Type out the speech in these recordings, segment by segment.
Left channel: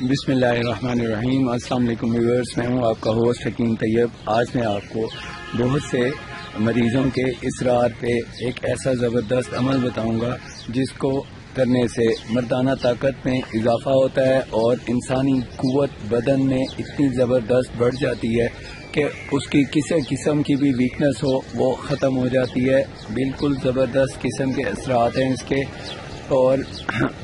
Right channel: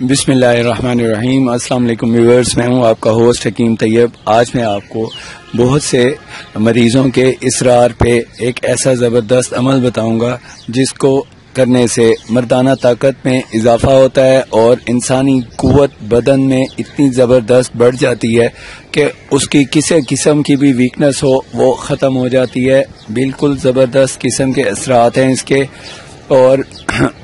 बिस्मिल्लाहिर्रहमानिर्रहीम। अस्सलाम वालेकुम व्यूअर्स, मैं हूं आपका होस्ट हकीम तैयब। आज मैं आपको बहुत से मरीज़ों के इसरार पे एक ऐसा ज़बरदस्त अमल बताऊंगा जिसको करने से मर्दाना ताकत में इजाफा होता है और इंसानी कुव्वत बदन में इतनी ज़बरदस्त बढ़ जाती है कि उसकी किसी किस्म की भी वीकनेस हो वो ख़त्म हो जाती है। बिल्कुल ज़बरदस्त किस्म के असरात हैं इसके, और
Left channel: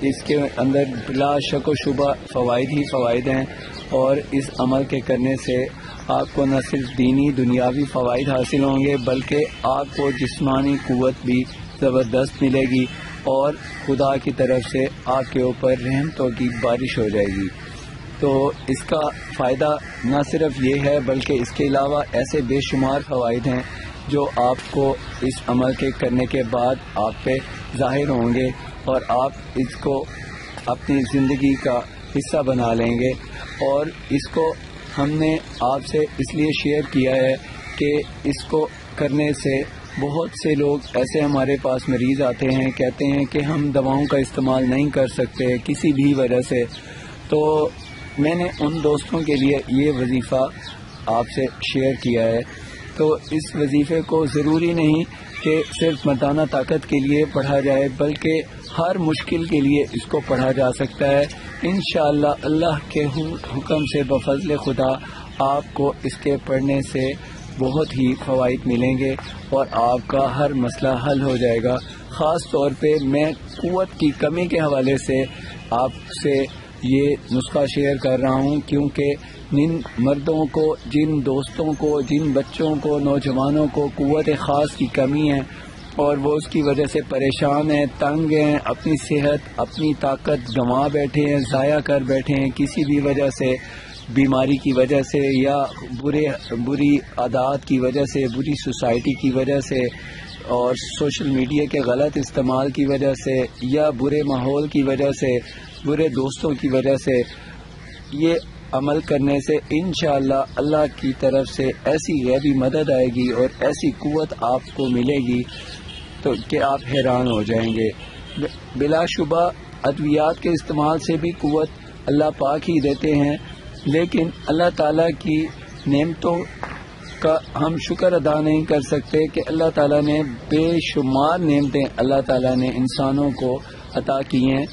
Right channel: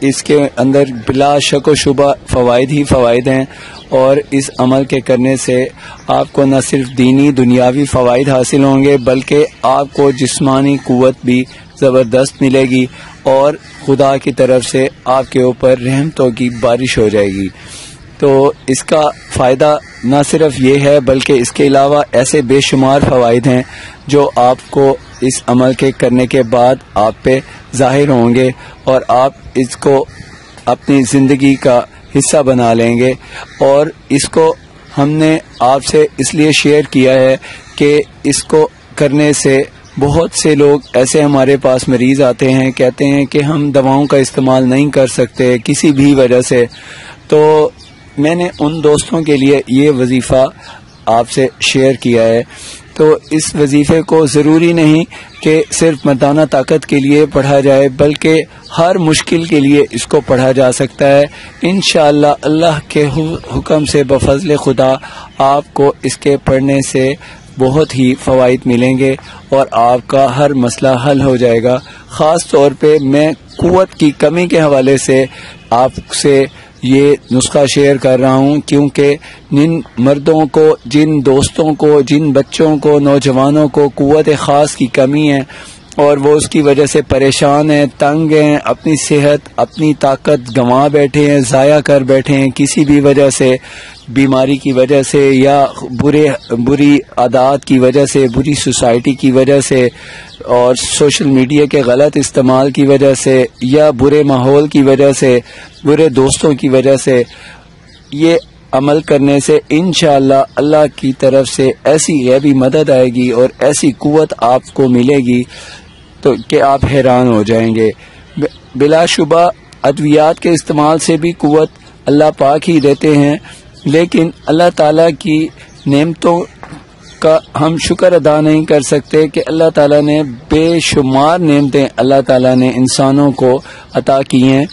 इसके अंदर बिला शक व शुबा फ़वाइद ही फ़वाइद हैं। और इस अमल के करने से आपको न सिर्फ दीनी दुनियावी फ़वाइद हासिल होंगे बल्कि आपको जिस्मानी कुव्वत भी ज़बरदस्त मिलेगी और खुदा की तरफ से आपके ऊपर रहमतों की बारिश हो जाएगी। तो इसका फ़ायदा न सिर्फ ये है बल्कि इसके अलावा ऐसे बेशुमार फ़वाइद हैं जो आपको इस अमल के करने के बाद आप पे ज़ाहिर होंगे और आप इसको अपनी ज़िंदगी का हिस्सा बना लेंगे। और इसको हमने आपसे इसलिए शेयर किया है कि इसको करने से बहुत से लोग ऐसे हमारे पास मरीज़ आते हैं, कहते हैं कि हम दवाओं का इस्तेमाल नहीं कर सकते किसी भी वजह से। तो मैंने उन दोस्तों के लिए ये वजीफ़ा आपसे शेयर किया है। तो इस वजीफे को ज़रूरी नहीं कि सिर्फ मर्दाना ताकत के लिए पढ़ा जाए बल्कि हर मुश्किल के लिए इसको पढ़ा जा सकता है। इंशाअल्लाह अल्लाह के हुक्म से बफज़ल खुदा आपको इसके पढ़ने से बहुत ही फ़वाइद मिलेंगे और आपका हर मसला हल हो जाएगा। ख़ास तौर पे मैं कुव्वत की कमी के हवाले से आपसे ये नुस्खा शेयर कर रहा हूँ, क्योंकि जिन मर्दों को, जिन दोस्तों को, जिन बच्चों को, नौजवानों को कुव्वत ख़ास की कमी है और वो उसकी वजह से परेशान हैं, तंग हैं, अपनी सेहत अपनी ताकत गंवा बैठे हैं, ज़ाया कर बैठे हैं किसी भी वजह से, बीमारी की वजह से या बुरी आदत की वजह से, बुरी सोसाइटी की वजह से और सोशल मीडिया के गलत इस्तेमाल की वजह से या बुरे माहौल की वजह से, बुरे दोस्तों की वजह से। ये अमल करने से इंशाअल्लाह अल्लाह की तरफ से ऐसी गैबी मदद आएगी और ऐसी कुव्वत आपको मिलेगी तो कि आप हैरान हो जाएंगे। बिलाशुबा अद्वियात के इस्तेमाल से भी कुव्वत अल्लाह पाक ही देते हैं, लेकिन अल्लाह ताला की नेमतों का हम शुक्र अदा नहीं कर सकते कि अल्लाह ताला ने बेशुमार नेमतें अल्लाह ताला ने इंसानों को अता की हैं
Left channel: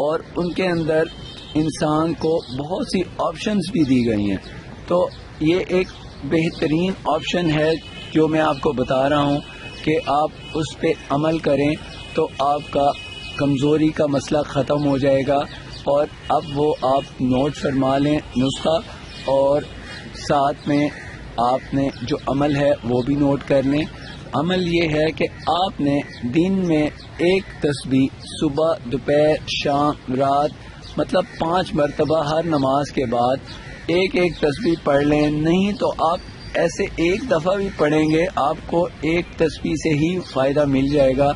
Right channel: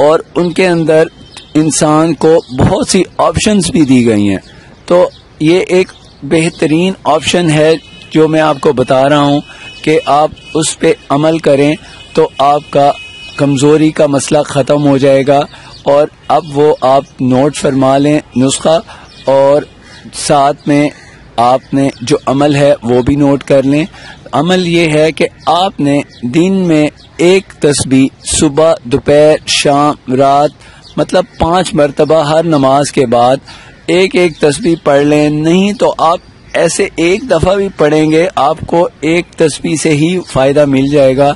और उनके अंदर इंसान को बहुत सी ऑप्शंस भी दी गई हैं। तो ये एक बेहतरीन ऑप्शन है जो मैं आपको बता रहा हूँ कि आप उस पे अमल करें तो आपका कमज़ोरी का मसला ख़त्म हो जाएगा। और अब वो आप नोट फरमा लें नुस्खा, और साथ में आपने जो अमल है वो भी नोट कर लें। अमल ये है कि आपने दिन में एक तस्बीह सुबह, दोपहर, शाम, रात, मतलब 5 मरतबा हर नमाज के बाद एक एक तस्बीह पढ़ लें। नहीं तो आप ऐसे एक दफ़ा भी पढ़ेंगे आपको एक तस्बीह से ही फ़ायदा मिल जाएगा,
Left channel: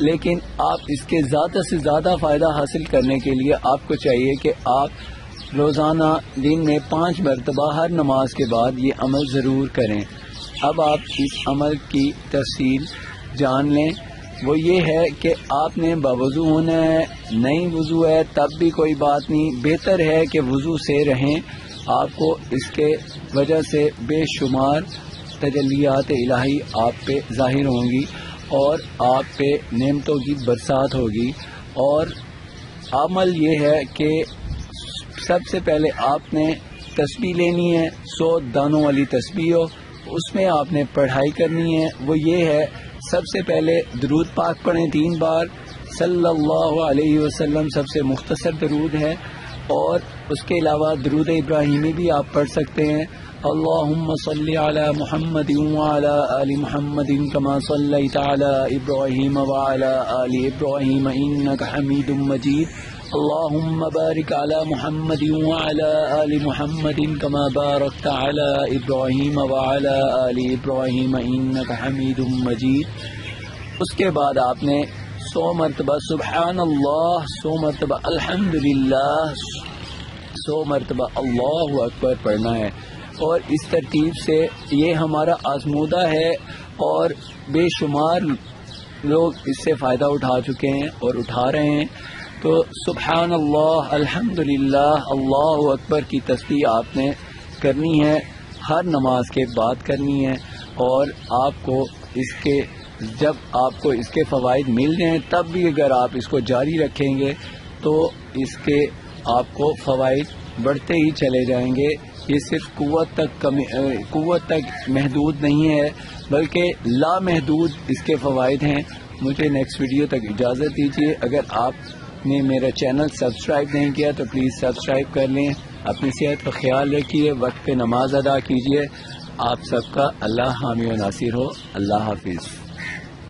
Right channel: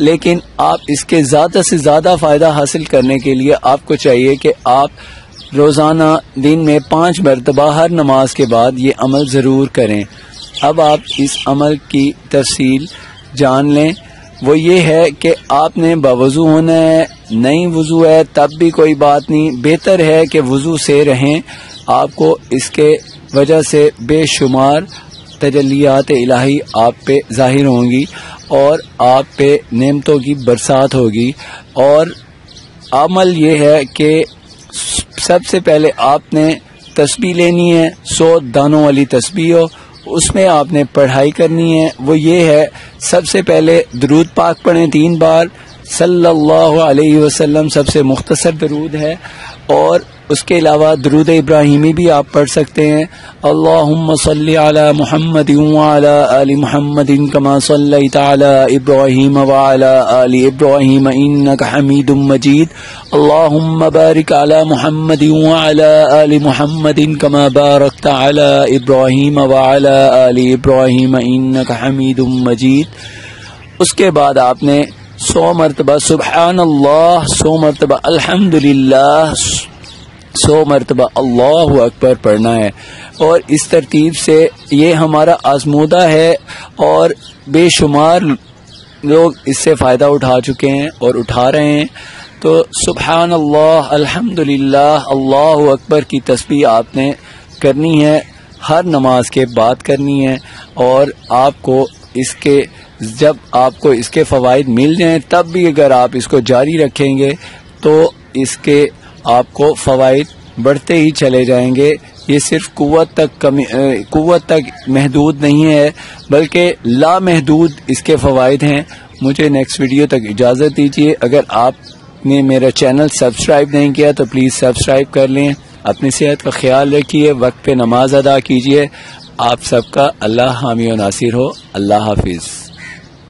लेकिन आप इसके ज़्यादा से ज़्यादा फ़ायदा हासिल करने के लिए आपको चाहिए कि आप रोज़ाना दिन में 5 मरतबा हर नमाज के बाद ये अमल ज़रूर करें। अब आप इस अमल की तफसील जान लें। वो ये है कि आपने बावज़ू होना है, नहीं वज़ू है तब भी कोई बात नहीं, बेहतर है कि वज़ू से रहें। आपको इसके वजह से बेशुमार तजल्लियात इलाही आप पे ज़ाहिर होंगी और आप पे नेमतों की बरसात होगी। और अमल ये है कि सबसे पहले आपने तस्बीह लेनी है, 100 दानों वाली तस्बीह हो, उसमें आपने पढ़ाई करनी है। वो ये है, सबसे पहले दरूद पाक पढ़ें 3 बार, सल्लल्लाहु अलैहि वसल्लम सबसे मुख्तसर दरूद है। और उसके अलावा दरूद इब्राहिमी भी आप पढ़ सकते हैं। अल्लाहुम्मा सल्ली अला मुहम्मद व अला आलि मुहम्मदिन कमा सल्लैता अला इब्राहीम व अला आलि इब्राहीम इन्नका हमीदुम मजीद। अल्लाहुम्मा बारिक अला मुहम्मद व अला आलि मुहम्मदिन कमा बारकता अला इब्राहीम व अला आलि इब्राहीम इन्नका हमीदुम मजीद। उसके बाद आपने 100 मरतबा सुबहानल्लाह, 100 मरतबा अल्हम्दुलिल्लाह, 100 मरतबा अल्लाहु अकबर पढ़ना है। और इस तरतीब से ये हमारा आजमूदा है और बेशुमार लोग इससे फ़ायदा उठा चुके हैं और उठा रहे हैं। تو سبحان اللہ، الحمدللہ، اللہ اکبر کی تسبیح آپ نے کرنی ہے، ہر نماز کے بعد کرنی ہے، اور آپ کو اس کے جب آپ کو اس کے فوائد مل جائیں تب بھی اگر آپ اس کو جاری رکھیں گے تو اس کے آپ کو فوائد بڑھتے ہی چلے جائیں گے۔ یہ صرف قوت تک محدود نہیں ہے بلکہ لامحدود اس کے فوائد ہیں۔ مجھے نیکسٹ ویڈیو تک اجازت دیجیے۔ اگر آپ نے میرا چینل سبسکرائب نہیں کیا تو پلیز سبسکرائب کر لیں۔ اپنی صحت کا خیال رکھیے، وقت پہ نماز ادا کیجیے۔ آپ سب کا اللہ حامی و ناصر ہو۔ اللہ حافظ۔